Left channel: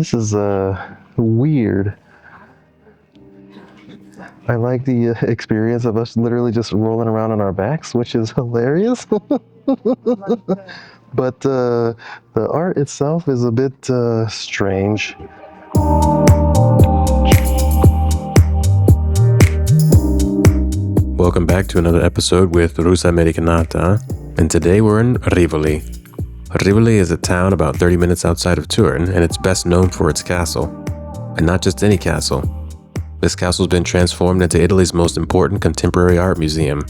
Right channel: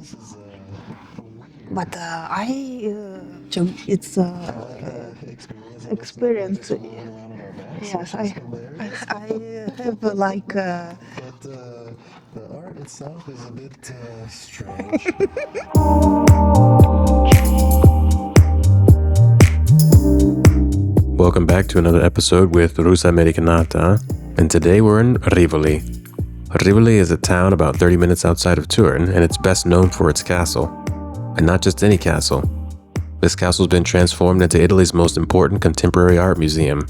This is weird. But it's. I like the experience of us literally just rolling around on our backs, which is hilarious. I have like. But the art itself is a bit strange. Welcome back to another episode with Rusa Americanata, and today we're in Rivoli. Rivoli is a town about 30 minutes outside of Turin, and it's best known for its castle. And not just any castle. This castle's been transformed into Italy's most important contemporary art museum.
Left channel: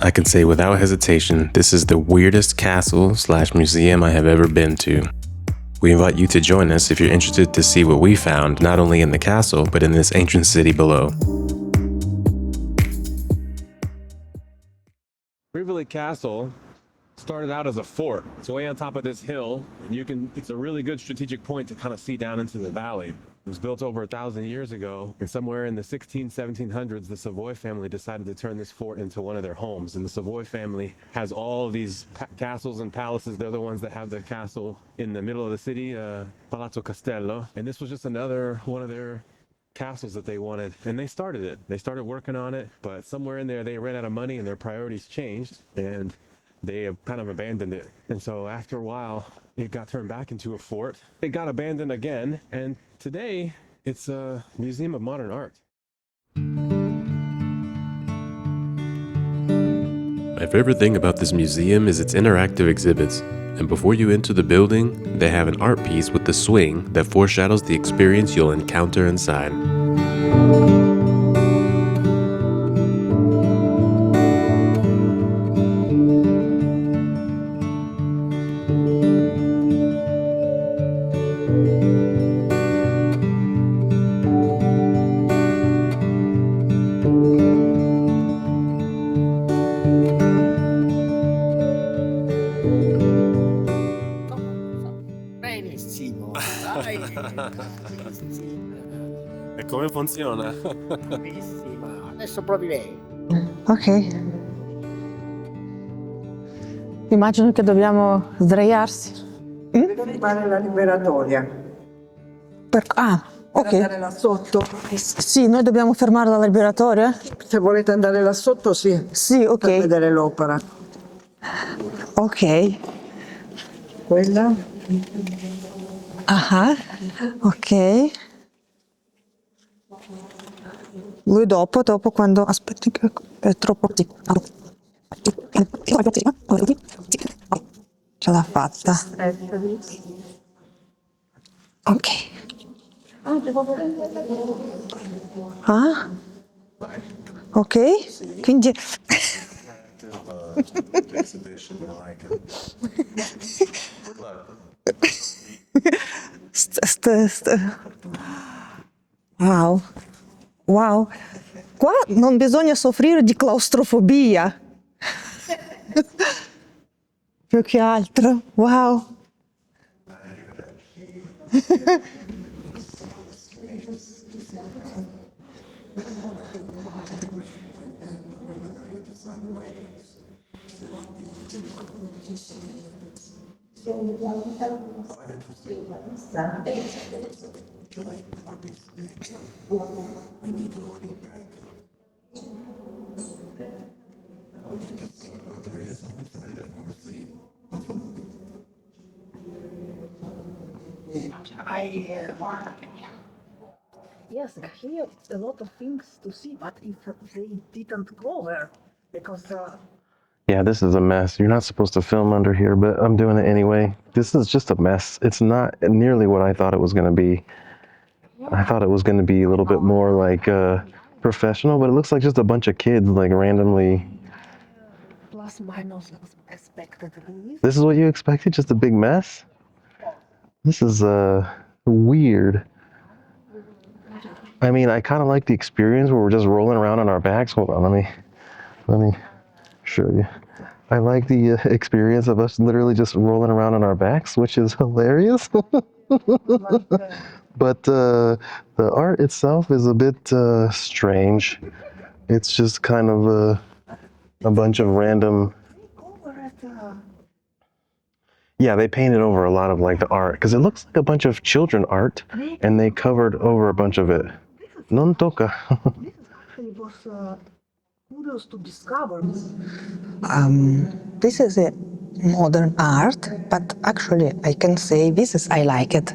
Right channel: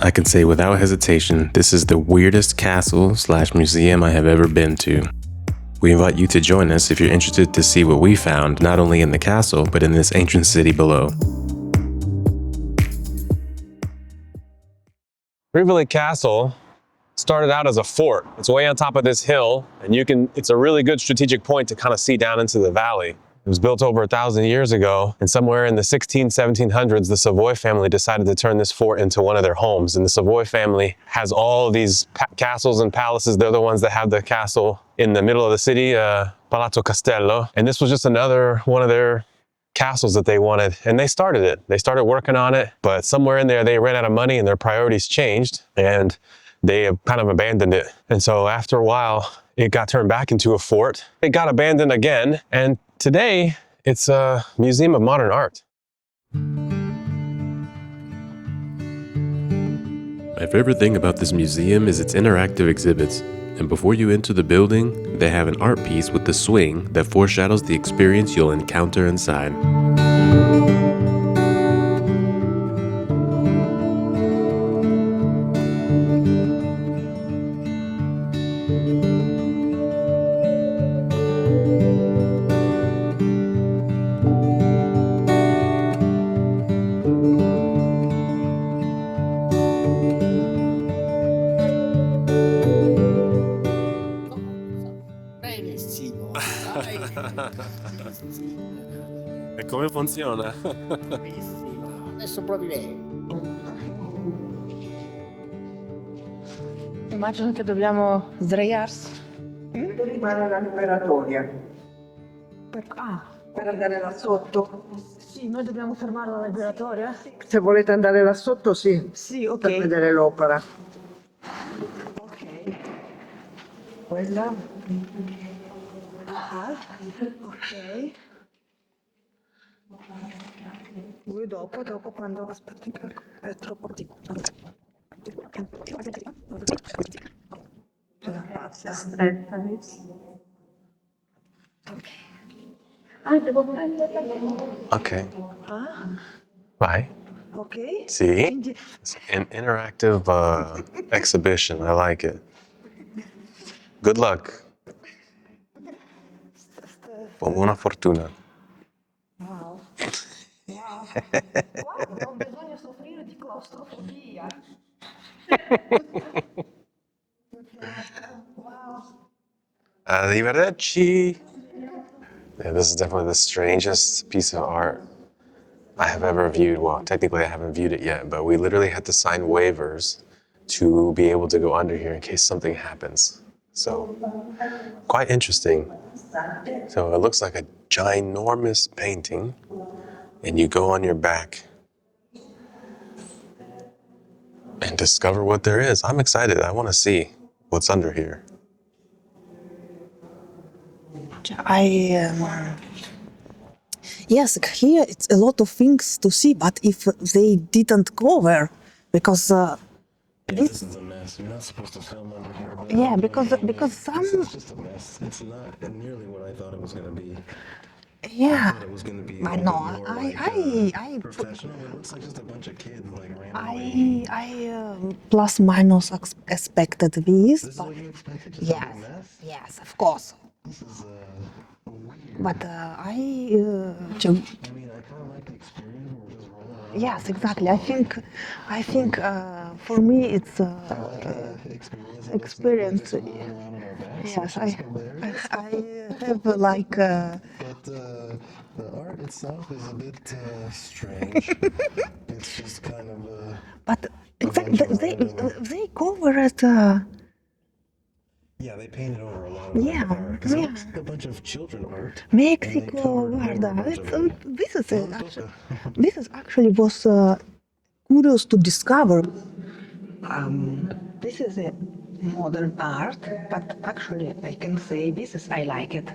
I can say without hesitation, this is the weirdest castle/museum I have ever been to. We invite you to join us if you're interested to see what we found, not only in the castle, but in this ancient city below. Rivoli Castle started out as a fort. It's way on top of this hill, and it's a really good strategic point to kind of see down into the valley. It was built over 1,000 years ago, and somewhere in the 1700s, the Savoy family decided to turn this fort into one of their homes. And the Savoy family has all of these castles and palaces. They're the ones that have the castle in the middle of the city, Palazzo Castello. And this was just another one of their castles that they wanted, and they started it. They started working on it, but somewhere in there, they ran out of money and their priorities changed, and they have kind of abandoned it. And so after a while, it got turned back into a fort. It got abandoned again, and today, it's a museum of modern art. My favorite thing about this museum is its interactive exhibits. And before you enter the building, they have an art piece with the swing that foreshadows the experience you'll encounter inside. Benissimo, dai. E come funziona? Benissimo. Adesso provi lei. Ok. Immagino che dobbiamo sdraiarsi. Devo fare la liberatoria. Per ok. Andare là sotto. Sì, noi dobbiamo fermare la liberatoria? Se volete andare là sotto, sì. Sì, ok. Per vedere l'opera. Ok. Quella. Ah, ok. Lui dopo quando... Aspetti che è troppo... Ce l'ha fatta. Ok. Ok. Ah, Vai. ok. Sì. Quindi... An interactive exhibition. I like it. Good luck. Buona fortuna. Wow. Wow. Qua non bisogna soffrire di claustrofobia. Più che altro. Wow. Arrivederci. Yeah, this is definitely the strangest piece of art I have ever viewed. Well, technically I haven't viewed it yet, but we literally had to sign waivers to be able to go under here in case something happens. So, quite interesting. So it looks like a ginormous painting, and you go on your back and discover what there is. I'm excited. I want to see what's under here. Yes, here it's a lot of things to see, but if they didn't cover, because Yeah, this is a mess. You're not supposed to film under here, but Yeah, I'm doing it because- anyway. because This some- is just a mess. It's not nearly what I thought it was going to be. I thought it was going to be a little bit more professional, but it looks like just a bunch of kids like randomly. I plus minus expected this. This is what you expected? Just a big mess? Yes, of course. This is weird. But I mean, I kind of like the experience where we're just rolling around on our yes, backs. exactly. Hold on, I think for Sure, me yeah. it's. I like the experience of us literally just rolling around on our backs, which is hilarious. I have like. But the art itself is a bit strange. It's just kind of But a bunch of random. They covered. Yeah, they painted over a lot of like the Yeah, art because it yeah. looks like a bunch of children art, Make and it they covered over a bunch of it. This is Non actually, tocca. this is actually was curious to discover. This is a modern art, but actually I can say this is I like it.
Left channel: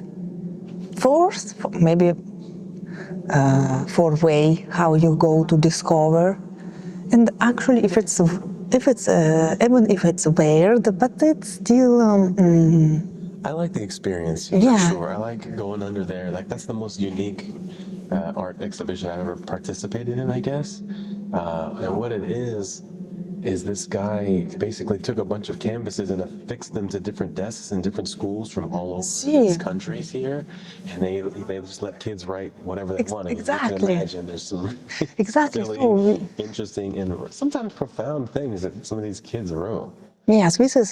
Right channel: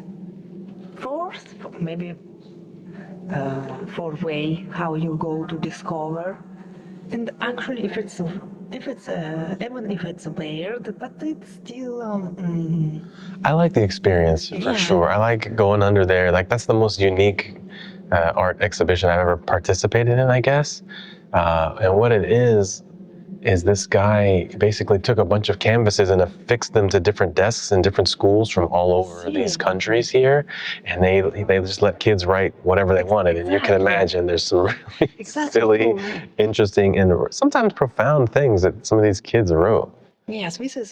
First, maybe for way how you go to discover, and actually if it's even if it's weird, but it's still I like the experience for Yeah. sure. I like going under there. Like that's the most unique art exhibition I've ever participated in, I guess. And what it is this guy basically took a bunch of canvases and affixed them to different desks in different schools from all over these countries here, and they just let kids write whatever they wanted. And you can exactly. imagine there's some really Exactly. silly, interesting, and sometimes profound things that some of these kids wrote. Yes, this is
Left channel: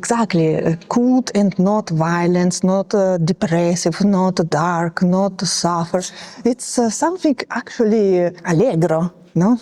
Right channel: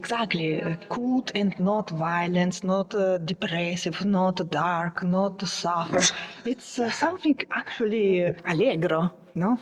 exactly good and not violence, not depressive, not dark, not suffer. It's something actually allegro, no?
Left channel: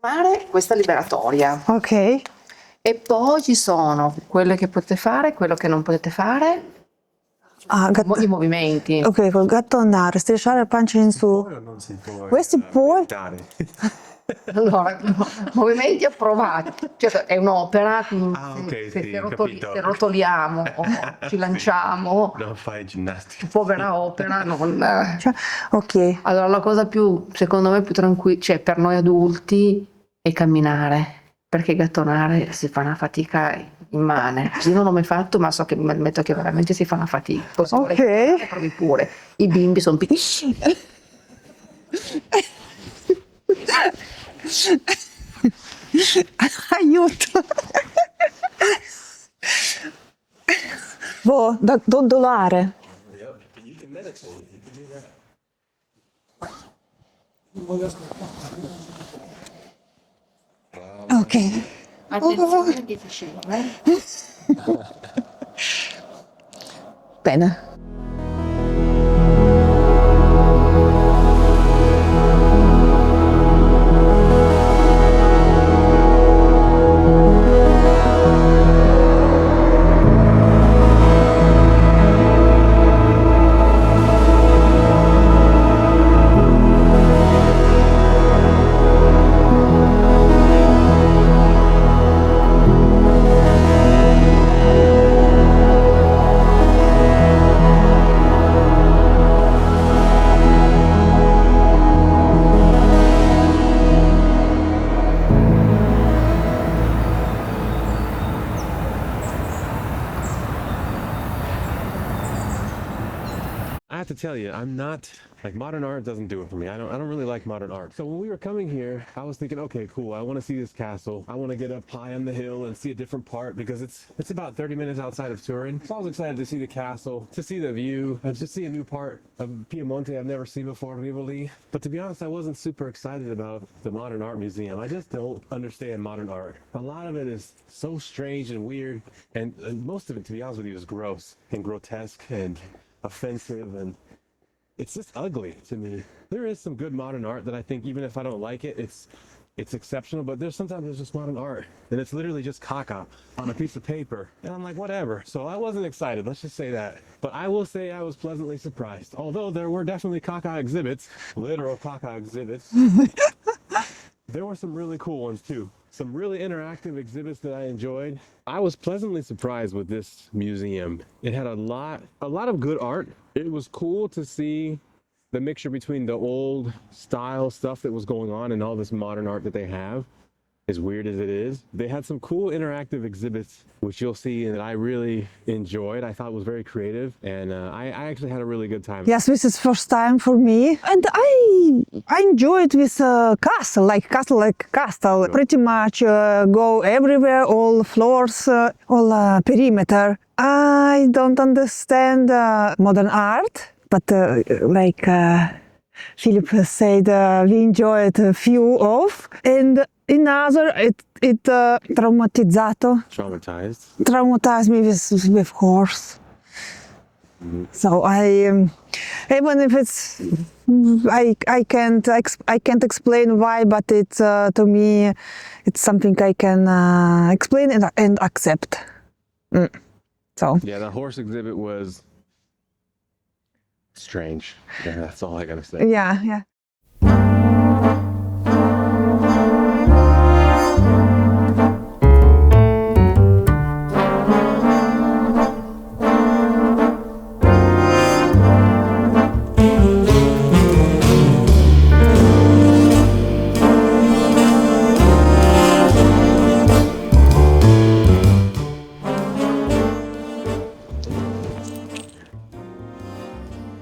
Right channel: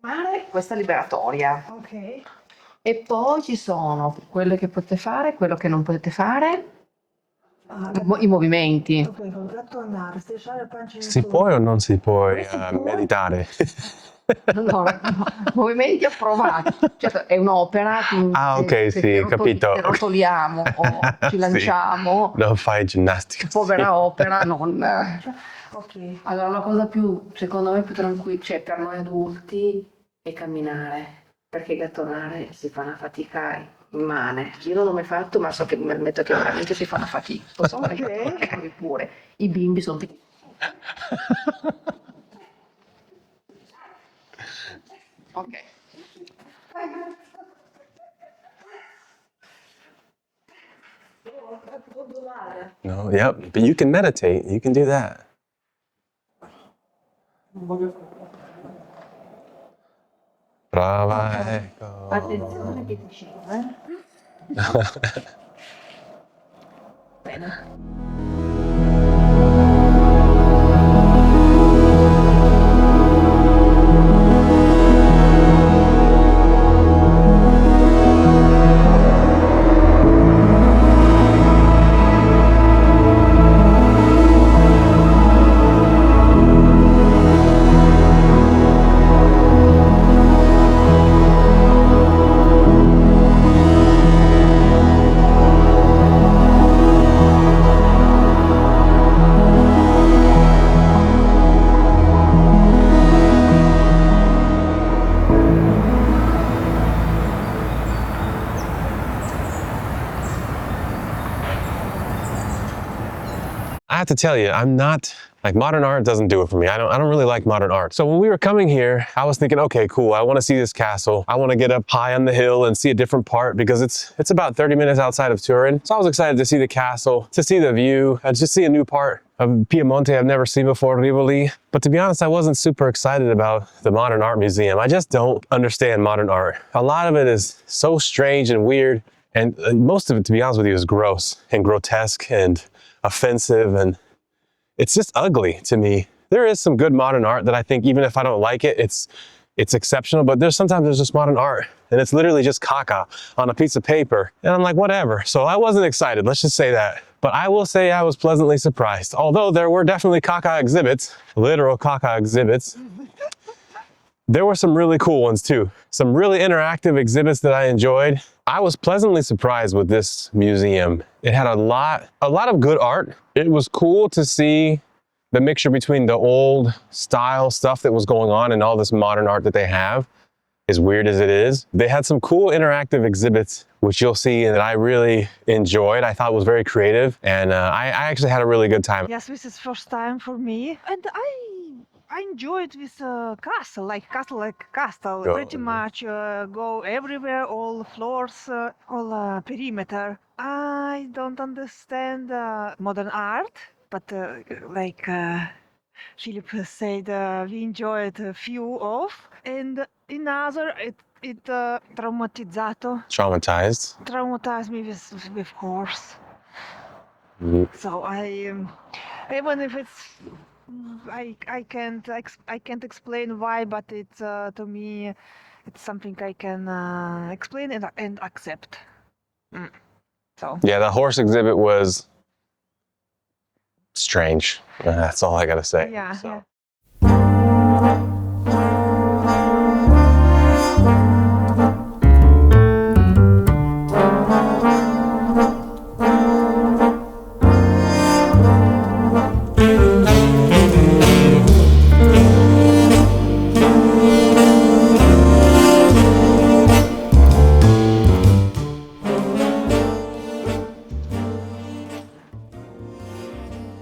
Fare questa liberatoria Ok. e poi ci sono quelle che potete fare, quello che non potete fare, Ah, i movimenti. ok, col gatto andare, strisciare il pancia in Si su. può o non si può Questi puoi? meditare? Allora, movimenti approvati, cioè, è un'opera. Ah, ok, sì, che capito. che rotoliamo o ci Sì. lanciamo. Non fai ginnastica. Povera opera, non. Cioè, ok. Allora, la cosa più, secondo me, più tranquilla, cioè per noi adulti, è camminare, perché gattonare si fa una fatica immane. Io non l'ho mai fatto, ma so che mi ammetto che veramente si fa una fatica. Posso fare fatica, provi pure. I bimbi sono piccini. Aiuto! Boh, dondolare. No, yep, but you can meditate. You can do that. Brava. Ok. Attenzione che facevo, Bene. I have to tell you, I'm not, like modern art doesn't do it for me. I don't really like modern art. So when we were coming here, I was thinking, okay, cool. I want to see this castle. I want to get up high on the hill and see a different part because it's about 30 minutes outside of Turin. So I was excited to see the castle, to see the view, and just see a new part of Piemonte I've never seen before, Rivoli. But to be honest, I wasn't super excited about the Modern Art Museum. I just don't understand modern art. A lot of it is so strange and weird. And most of it, to be honest with you, is gross and grotesque and offensive, and it's just ugly to me. There is some good modern art that I think, even if I don't like it, it's exceptional, but sometimes there's just modern art and it's literally just caca on a piece of paper. And I'm like, whatever. So I wasn't excited, let's just say that. But I will say I was pleasantly surprised. Although there were definitely caca exhibits, literal caca exhibits. There were some really cool ones too. Some really interactive exhibits that I enjoyed. I was pleasantly surprised with this museum. It had a lot of good art. It was cool to see the mixture between the old style stuff that was going on and all this modern art that they have. as weird as it is. They had some cool interactive exhibits, which you'll see that I really enjoyed. I thought was very creative, and I actually had a really good time. Yes, this is first time for me, and I enjoyed this castle. Go. Pretty much go everywhere, all floors, all perimeter. I don't understand modern art, but Philip said we enjoyed a few of, and another it traumatized me with horse. So I even if it's I can't explain why, but it's to me it's something I can explain and accept. So Yeah, the horse exhibit was strange. That's all I gotta say. yeah.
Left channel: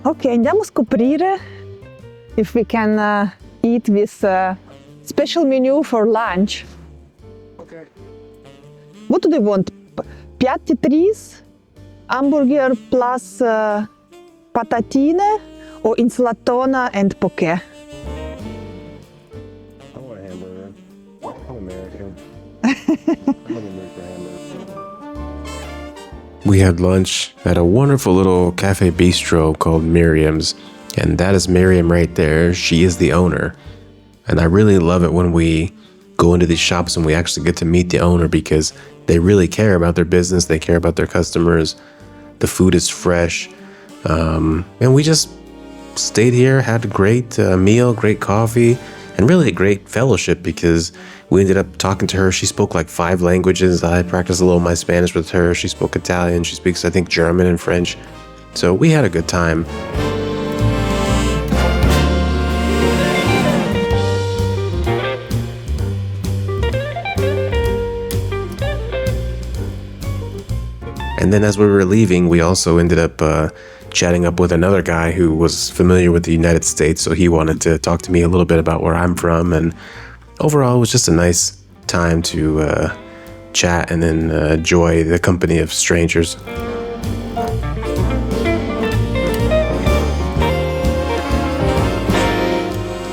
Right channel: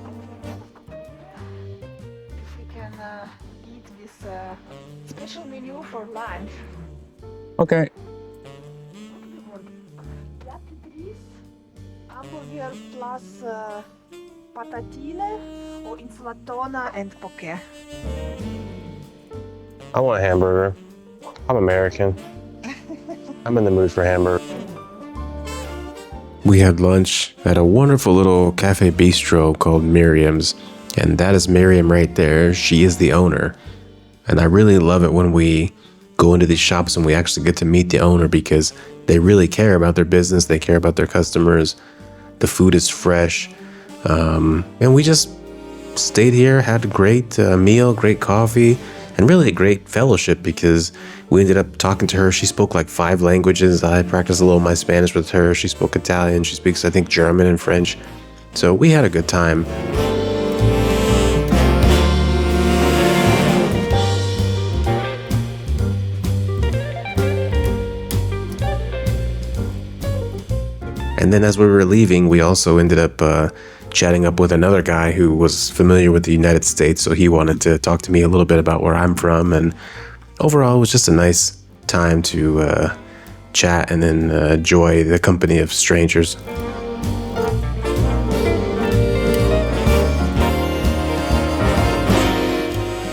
Ok, andiamo a scoprire if we can eat this special menu for lunch. Okay. What do they want? Piatti tris, hamburger plus patatine, or insalatona and poké? I want a hamburger. I'm American. I'm in the mood for hamburger. We had lunch at a wonderful little cafe bistro called Miriam's, and that is Miriam right there. She is the owner. And I really love it when we go into these shops and we actually get to meet the owner, because they really care about their business, they care about their customers. The food is fresh. And we just stayed here, had a great meal, great coffee, and really a great fellowship, because we ended up talking to her. She spoke like 5 languages. I practiced a little of my Spanish with her. She spoke Italian. She speaks, I think, German and French. So we had a good time. And then as we were leaving, we also ended up chatting up with another guy who was familiar with the United States. So he wanted to talk to me a little bit about where I'm from. And overall, it was just a nice time to chat and then enjoy the company of strangers.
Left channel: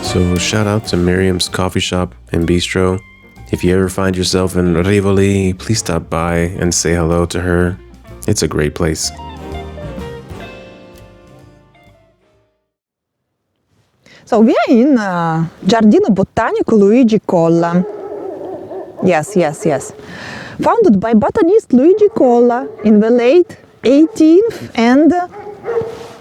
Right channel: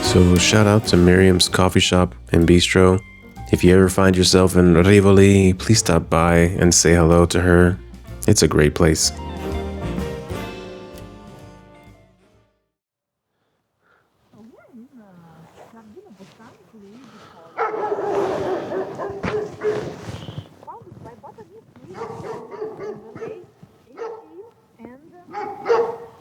So shout out to Miriam's coffee shop and bistro. If you ever find yourself in Rivoli, please stop by and say hello to her. It's a great place. So we are in Giardino Botanico Luigi Colla. Yes. Founded by botanist Luigi Colla in the late 18th and...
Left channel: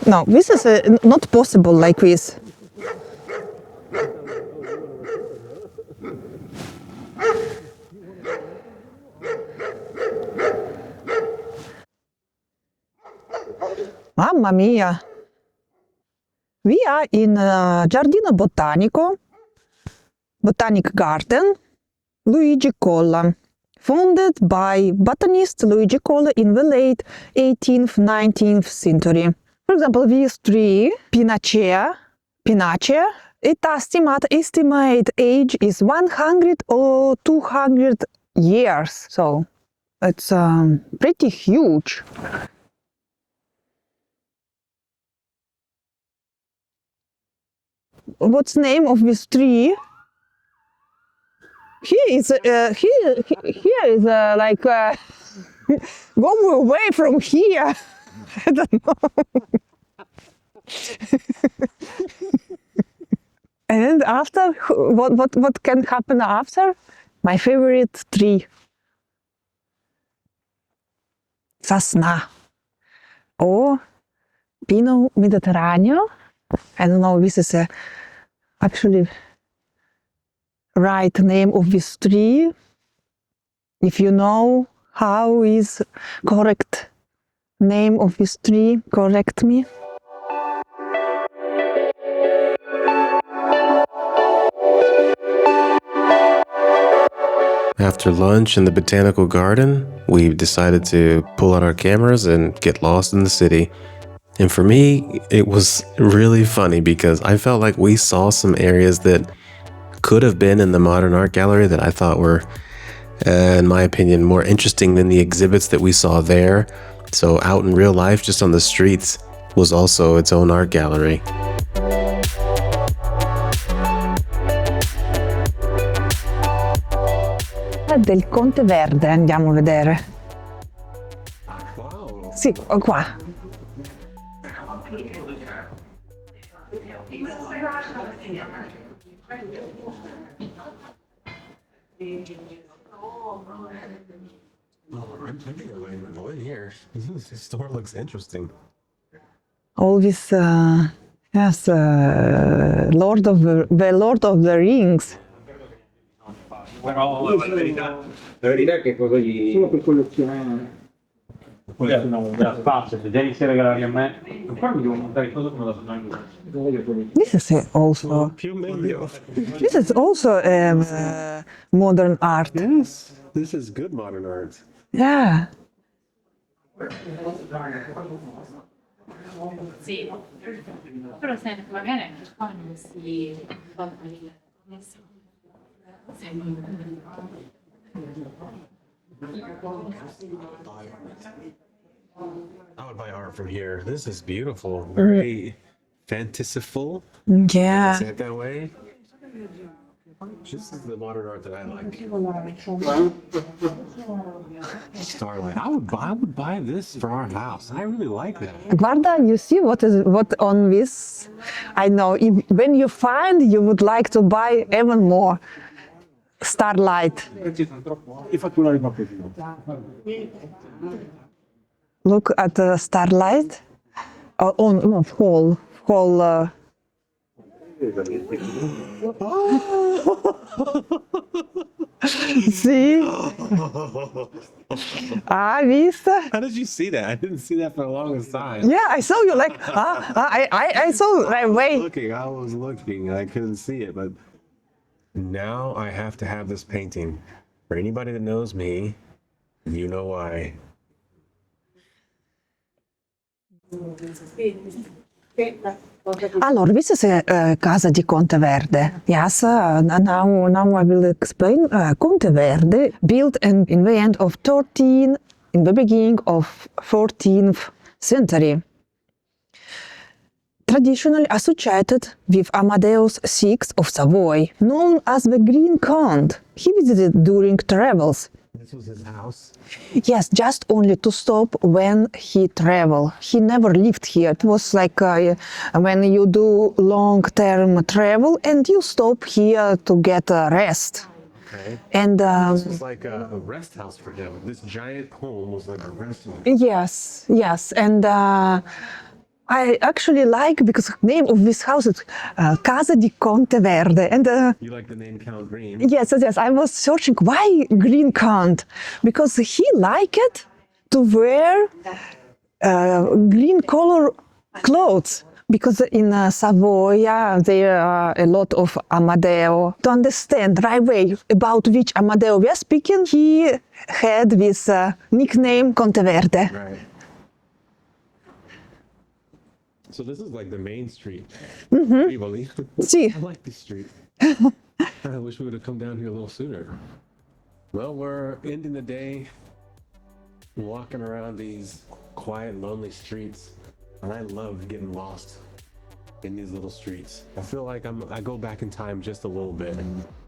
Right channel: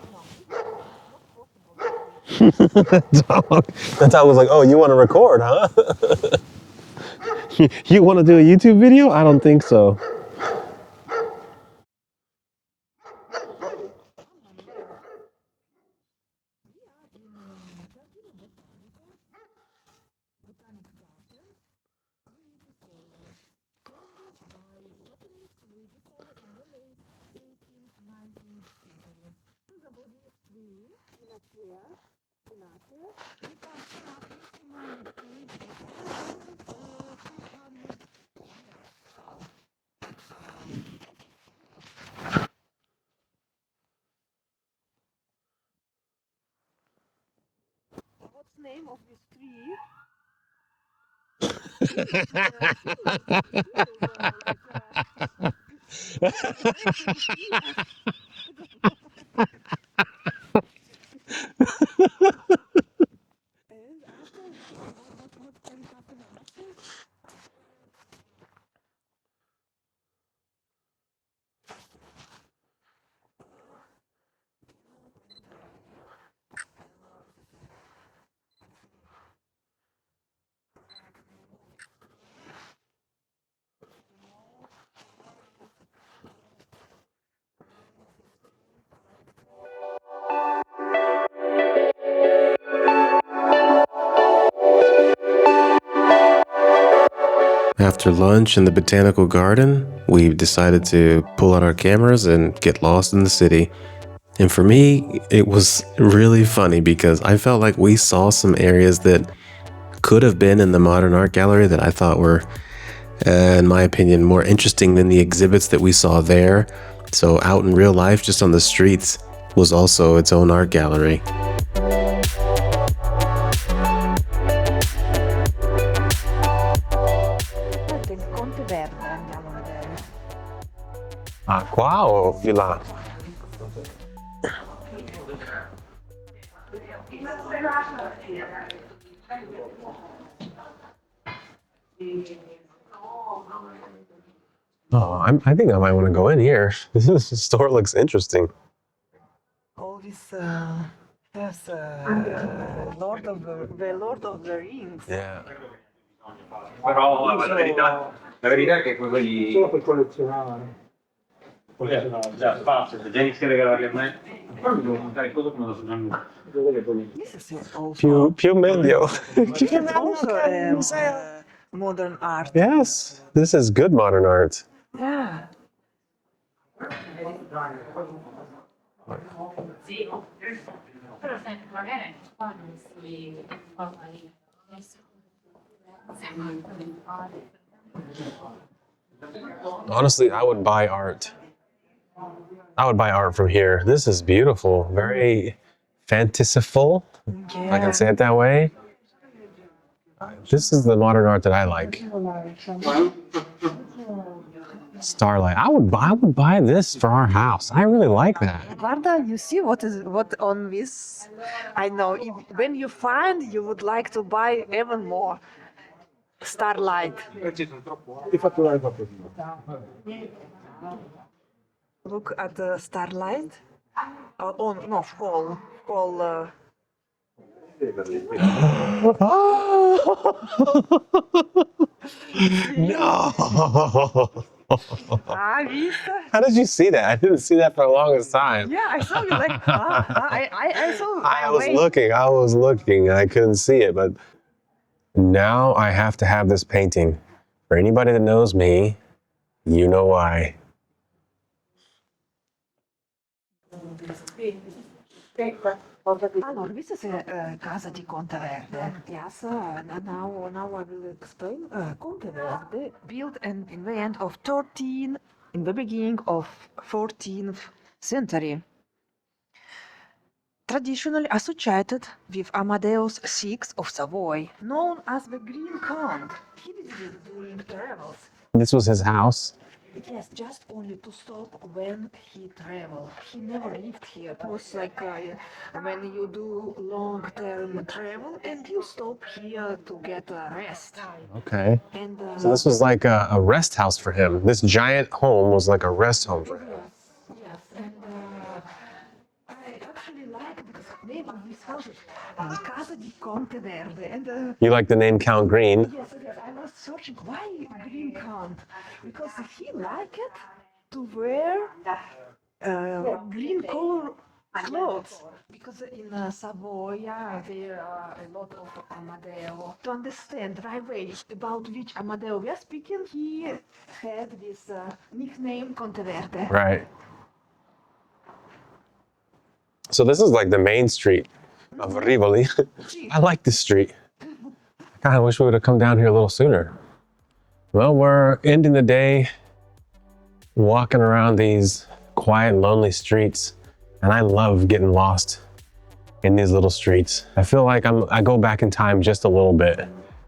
no, this is not possible like this. The dog was like, oh, you want to record, huh? You want to do a YouTube video? I don't think so. Mamma mia! We are in Giardino Botanico, Botanic Garden, Luigi Colla, founded by botanist Luigi Colla in the late 18th, 19th century. For example, this tree, Pinacea, its estimate age is 100 or 200 years, so it's pretty huge. What's the name of this tree? Here is like go away from here. I don't know. And after, what can happen after? My favorite tree, Sosna or Pino Mediterraneo. I don't know. This is actually right name of this tree. If you know how is correct name of this tree, correct me. After lunch in the botanical garden, we decided to pull out our cameras and get lost in the city. And for me, it was really funny because I felt like we saw some areas that could have been in the modern art gallery that I thought were, in my opinion, more interesting than the exhibits that we saw there. So out in real life, just on the streets, was also its own art gallery. Del Conte Verde andiamo a vedere. Ah, qua o Sì, di là? qua. Oh, I think I might want to go in here. This store looks interesting. All this, yes, Lord of the Rings. Yeah. Però la verità è che quelli sono per collezionare. Collezionare da spazio, se devi regalarli a me, poi mi devo mandare cosa come da This is also Più meglio. this is also modern art. Yes, this is good modern art. Yeah. Sì, però senti, magari qua non si fa lì. Honestly, I would buy art. I would buy art from here. This is beautiful, very fanciful. I Yeah. can say it that way. This is the modern art that I like. Starlight. I would buy this for our house. I really like that. Guarda, you see what on this? I know when you find, you would like to buy even more. Starlight. e fatturare un po' più. Look at the starlight. Oh no, whole. See? Ah, vista? How did you see that? I didn't see that for the longest time. Yeah, I saw you like. I saw. I was looking. I couldn't see it, but now I have to have this painting. For anybody that knows me, you know why. Allora, this is a Casa di Conte Verde. Yes, now I will explain. Conte Verde built in the end of in the beginning of 14th century. Traditionally associated with Amadeus VI of Savoy, known as the Green Count. He visited during travels. This was his house. Yes, just only to stop when he traveled. He never lived here. It was like when you do long-term travel and you stop here to get a rest. Okay. And So this was like a rest house for him. This giant home was like a rest home. yes, and I actually like because the name of this house is Casa di Conte Verde, and You like the name Count Green? yes. I was searching why Green Count, because he liked to wear green color clothes. Because in Savoy there are a lot of Amadeo. To understand right away about which Amadeo we are speaking, he had this nickname Conte Verde. Right. So this is like the main street of Rivoli. Sì. I like this street. God, I wish we would have come down here a little sooner. Well, we're ending the day walking around these quiet, lonely streets, and I love getting lost in these little streets. I feel like I go back in time just a little bit.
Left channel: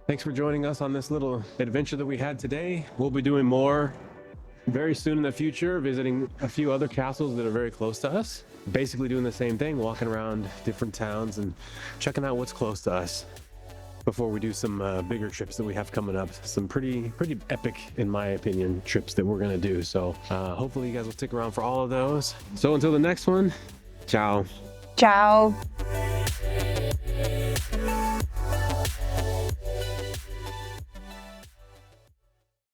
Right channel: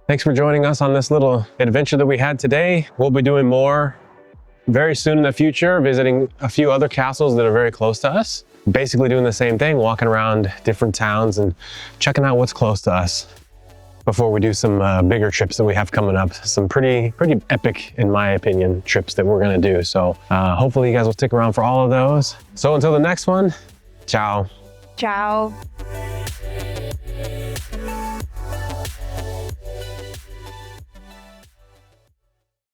Thanks for joining us on this little adventure that we had today. We'll be doing more very soon in the future, visiting a few other castles that are very close to us. Basically doing the same thing, walking around different towns and checking out what's close to us before we do some bigger trips that we have coming up. Some pretty epic, in my opinion, trips that we're gonna do. So hopefully you guys will stick around for all of those. So until the next one, ciao. Ciao.